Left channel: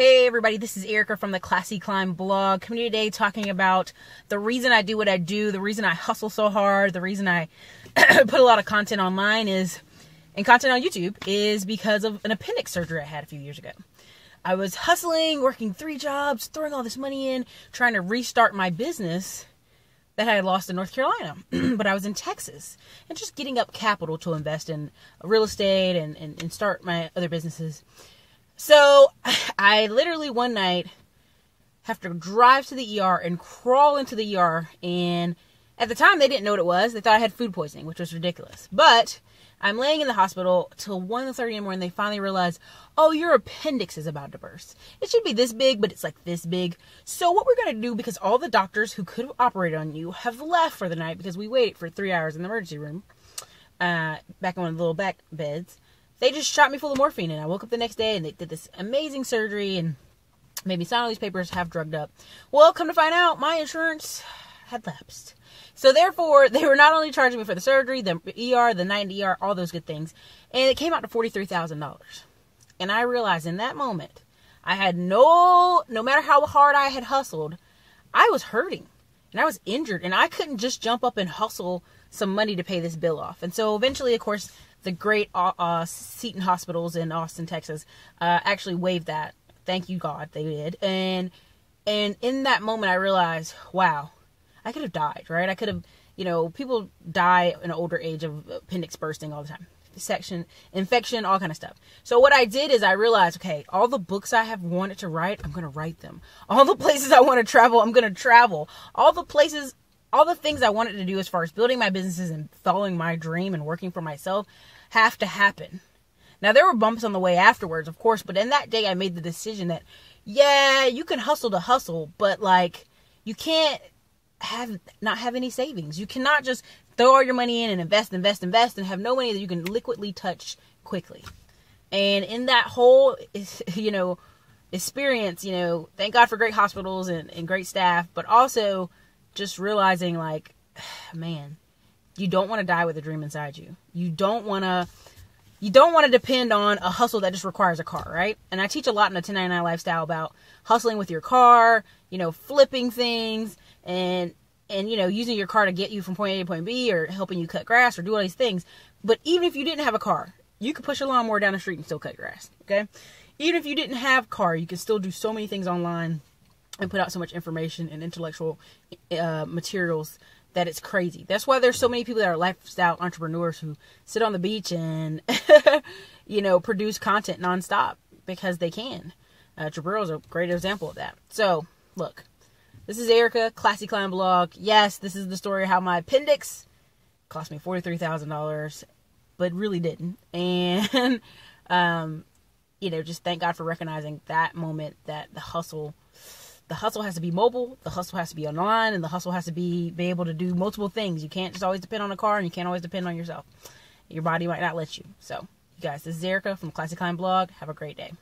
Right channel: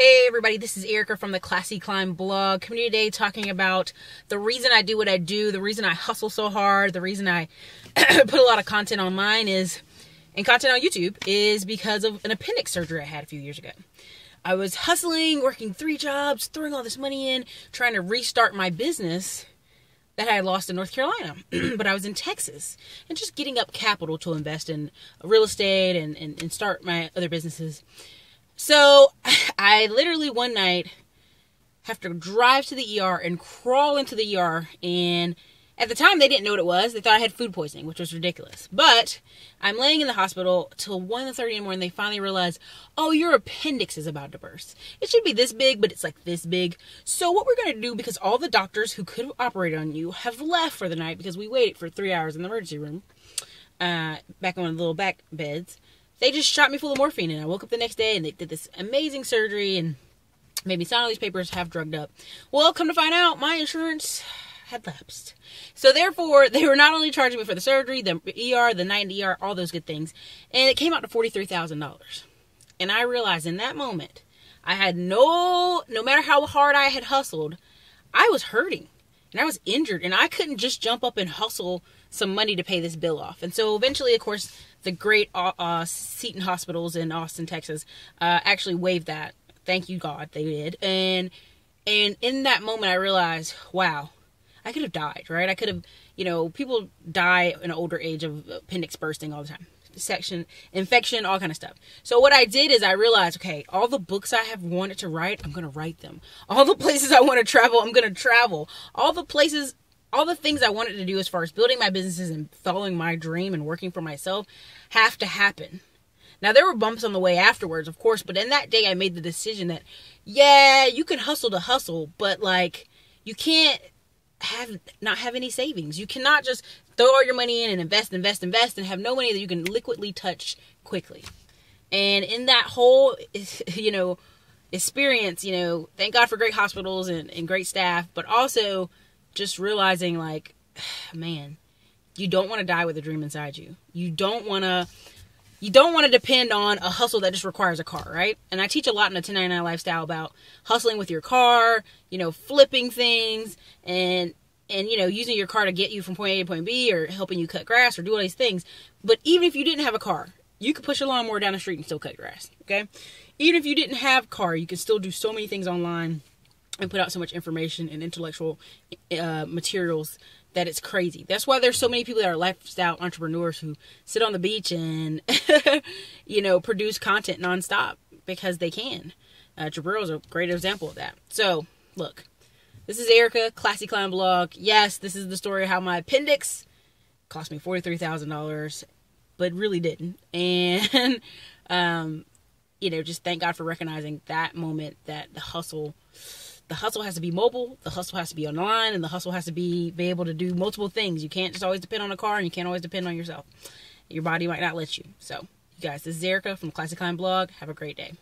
Hey everybody, this is Erica from the Classy Climb blog. Coming today talking about the reason I do what I do, the reason I hustle so hard, the reason I put a lot of content online and content on YouTube is because of an appendix surgery I had a few years ago. I was hustling, working 3 jobs, throwing all this money in, trying to restart my business that I had lost in North Carolina, but I was in Texas, and just getting up capital to invest in real estate and start my other businesses. So I literally one night have to drive to the ER and crawl into the ER. And at the time, they didn't know what it was. They thought I had food poisoning, which was ridiculous. But I'm laying in the hospital till 1:30 in the morning. They finally realize, oh, your appendix is about to burst. It should be this big, but it's like this big. So what we're going to do, because all the doctors who could have operated on you have left for the night because we waited for 3 hours in the emergency room, back on one of the little back beds. They just shot me full of morphine, and I woke up the next day, and they did this amazing surgery and made me sign all these papers, half drugged up. Well, come to find out, my insurance had lapsed. So therefore, they were not only charging me for the surgery, the ER, the night in the ER, all those good things, and it came out to $43,000. And I realized in that moment, I had no matter how hard I had hustled, I was hurting, and I was injured, and I couldn't just jump up and hustle some money to pay this bill off. And so eventually, of course, the great Seton Hospitals in Austin, Texas, actually waived that. Thank you, God, they did. And in that moment, I realized, wow, I could have died, right? I could have, people die in an older age of appendix bursting all the time. Section, infection, all kind of stuff. So what I did is I realized, okay, all the books I have wanted to write, I'm going to write them. All the places I want to travel, I'm going to travel. All the things I wanted to do as far as building my businesses and following my dream and working for myself have to happen. Not there were bumps on the way afterwards, of course, but in that day I made the decision that, yeah, you can hustle to hustle, but you can't not have any savings. You cannot just throw all your money in and invest and have no money that you can liquidly touch quickly. And in that whole, experience, thank God for great hospitals and great staff, but also just realizing man, you don't want to die with a dream inside you. You don't want to depend on a hustle that just requires a car, right? And I teach a lot in the 1099 lifestyle about hustling with your car, flipping things and using your car to get you from point A to point B, or helping you cut grass or do all these things. But even if you didn't have a car, you could push a lawnmower down the street and still cut grass, okay? Even if you didn't have a car, you can still do so many things online and put out so much information and intellectual materials that it's crazy. That's why there's so many people that are lifestyle entrepreneurs who sit on the beach and, produce content nonstop because they can. Jabril is a great example of that. So, look, this is Erica, Classy Climb blog. Yes, this is the story of how my appendix cost me $43,000, but really didn't. And, just thank God for recognizing that moment, that the hustle has to be mobile, the hustle has to be online, and the hustle has to be able to do multiple things. You can't just always depend on a car, and you can't always depend on yourself. Your body might not let you. So, you guys, this is Erica from the Classy Climb blog. Have a great day.